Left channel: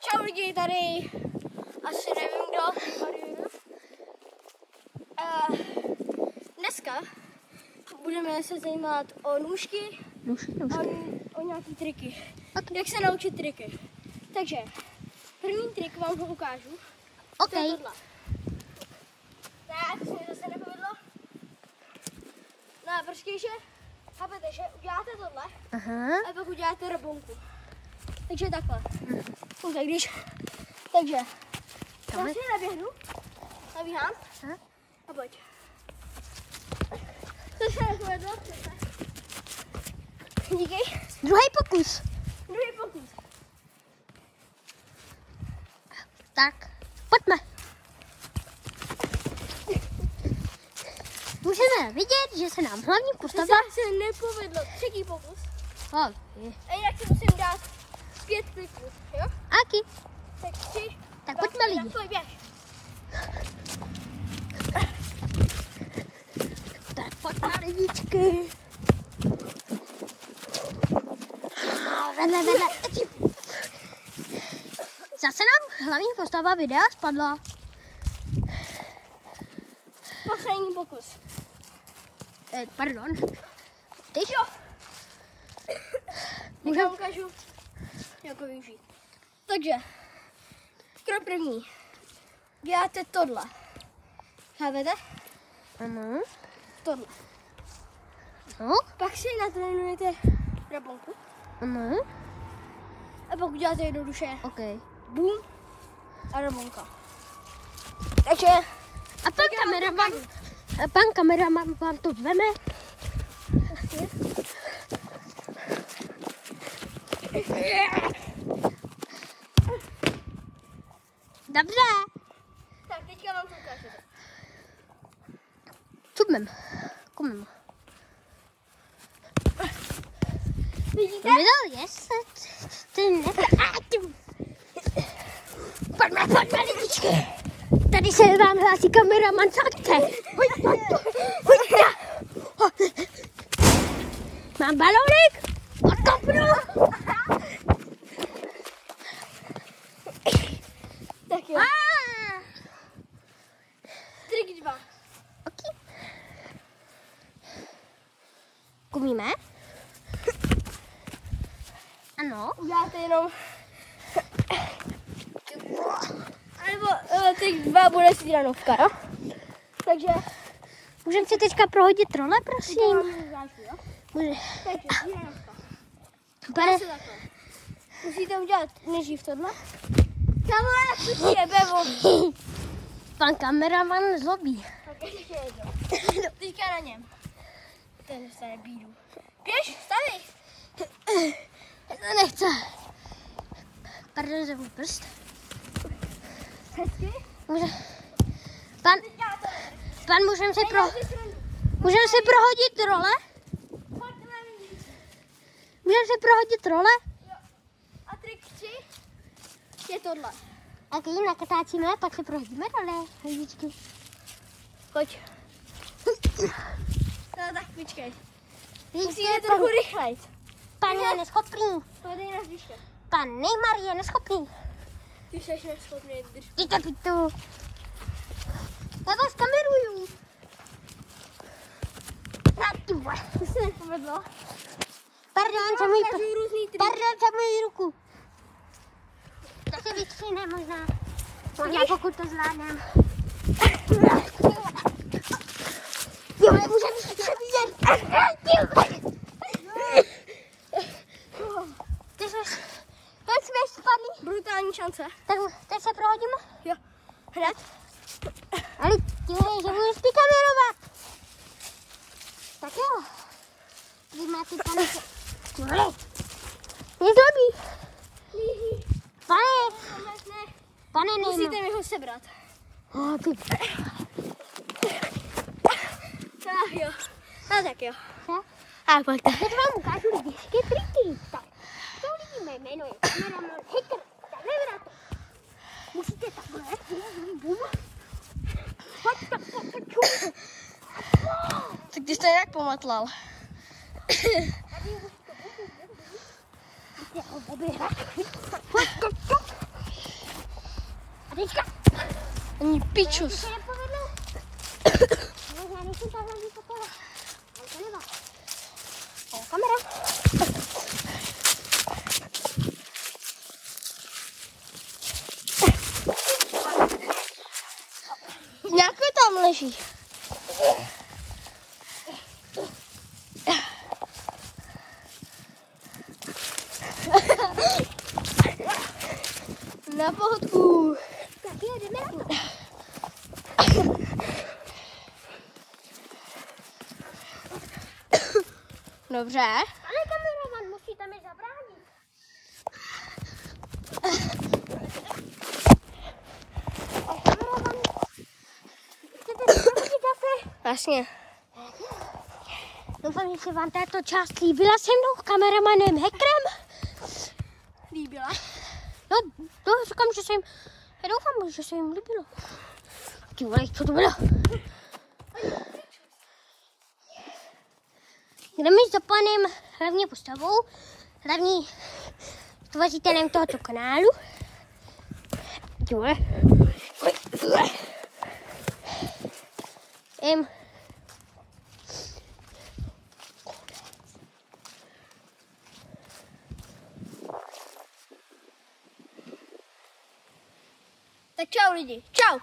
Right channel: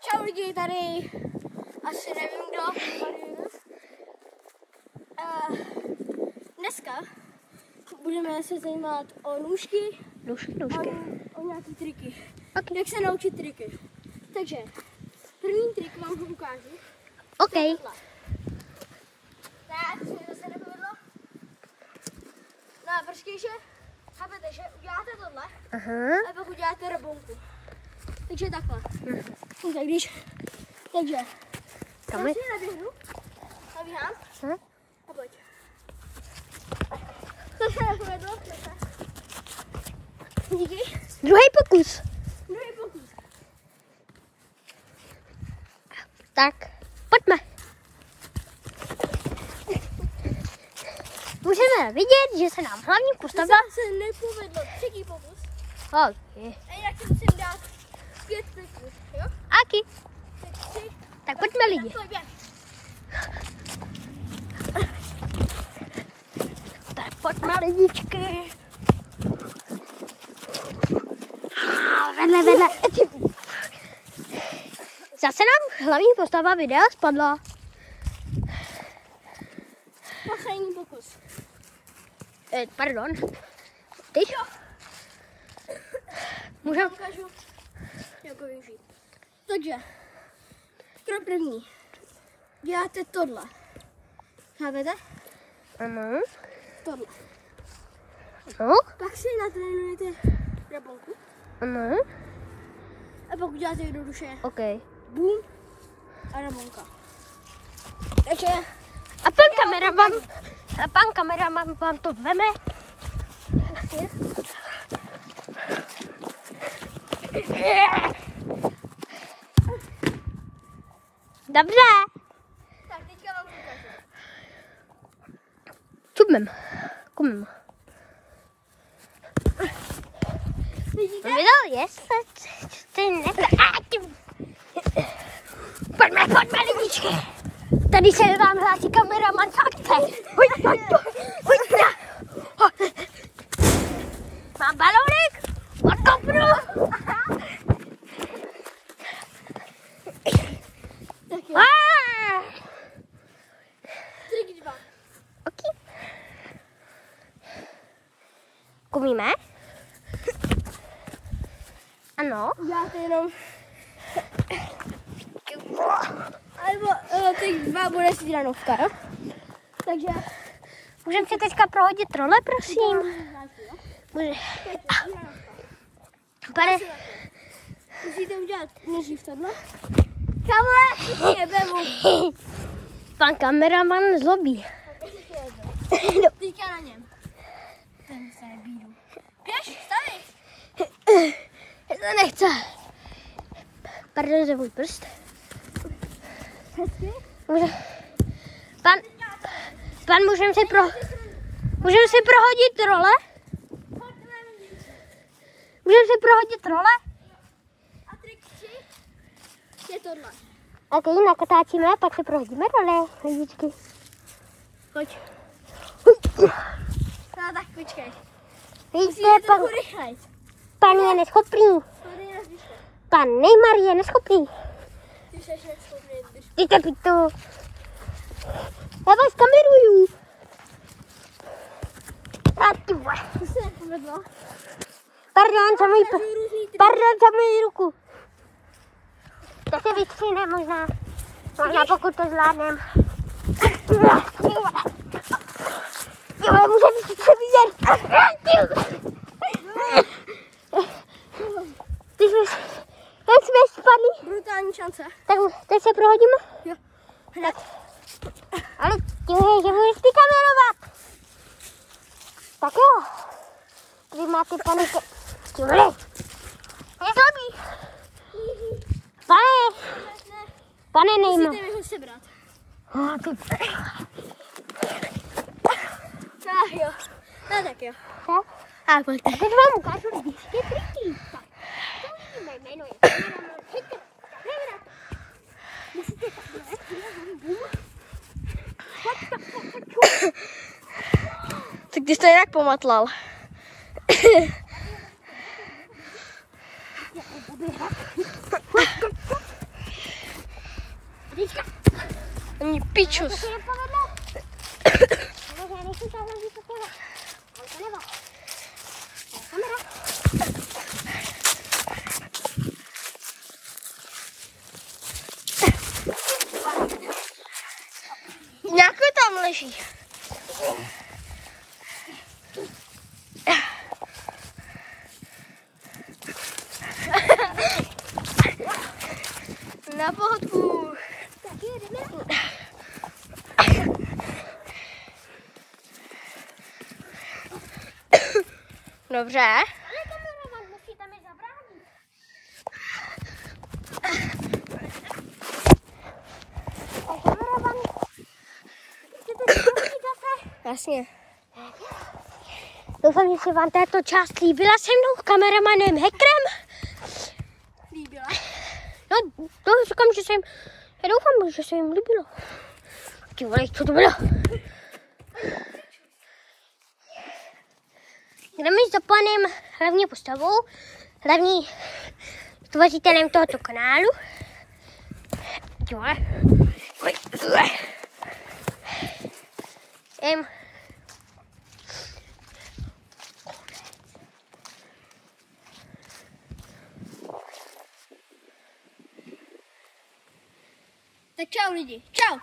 Čau lidi, tady asi nevím kdo. Dneska budeme se zajímat o nůžky. O nějaký triky. Okay. Jak se naučit triky. Takže první trik vám ho ukážu. OK. Tak, co mi zase nepovedlo. No a počkej, že chápete, že uděláte tohle a pak uděláte robonku. Takže takhle. Takže já si naběhnu, nabíhám a pojď. To se nepovedlo. Díky. Druhý pokus. Tak, pojďme. Můžeme vidět, že se nám hlavní postava... To se nepovedlo. Třetí pokus. Okay. A jinak si musím dát 5 kliků, jo? Aky. Tak pojďme lidi. Tak pojďme lidičky. Vedle. Zase nám hlavní postava videa spadla. Poslední pokus. Pardon. Ty? Jo. Můžeme ukážu, jak ho využít. Takže, krok první. Děláte tohle. Chápete? Ano. Tohle. No. Pak si natrénujete rabonku. Ano. A pak uděláte jednoduše. OK. Bum. A rabonka. Takže. A pan kameraman vám to veme. Dobře. Tak, teďka vám to ukážu. Čupnem. Kumem. Vidíte? Pojďme lidičky. Tady se nám hlásí kameraman z akce. Mám balonek. Odkopnu. Tak jo. Trik 2. Okay. Kumíme? Ano. Uděláte jenom. Alebo trik 2 bude střídanovka, jo? Takže. Můžeme si teďka prohodit role, prosím? Musíte udělat nejdřív tohle. Kamera je bevo. Pan kameraman zlobí. Teďka na něm. Ten dostane bídu. Běž, stavi. To nechce. Pardon za můj prst. Pan, můžeme si prohodit role? Můžeme si prohodit role? Jo. A trik 3 je tohle. Ok, nakatáčíme, pak si prohodíme role, lidičky. Pojď. No tak počkej. Musíte trochu rychlejc. Pan je neschopný. Pan Neymar je neschopný. Ty jsi neschopný. Ty to pitu. Já vás kameruju. A ty vole. To se nepovedlo. Pardon za můj ruku. To se vystřihne možná. Možná pokud to zvládnem. Jo, můžeme si to vidět. Ty jsi... Jak jsme spadli? Brutální šance. Tak se prohodíme? Jo. Hned. Ale tímhle, že budeš ty kamerovat. Tak jo. Vy máte pane... Tímhle. Nezlobí. Pane Neymar. Musíte mi ho sebrat. Jo. No tak jo. A pojďte. Teď vám ukážu lidičky triky. Tak. To vidíme, jméno je kameraman. Hejte, kamera. Musíte takhle. Bum. Tak ty jsi to jinak pomatlal. Teďka. Ani pičus. To se nepovedlo. Já nejsem tam, že to půjde. Ale to nevá. Kamera. Nějaký tam leží. Na pohodku. Tak jo, jdeme na to. Dobře. Ale kameraman musí tam je zabránit. Kameraman, chcete si kafe? Jasně. Doufám, že se vám tato část líbila se mnou, kameramanem Hackerem. Líbila? No, říkám, že já doufám, že se jim líbilo. Ty vole, co to bylo? Jdeme za panem hlavní postavou, hlavní tvořitelem tohoto kanálu. Ty vole. Tak čau lidi, čau.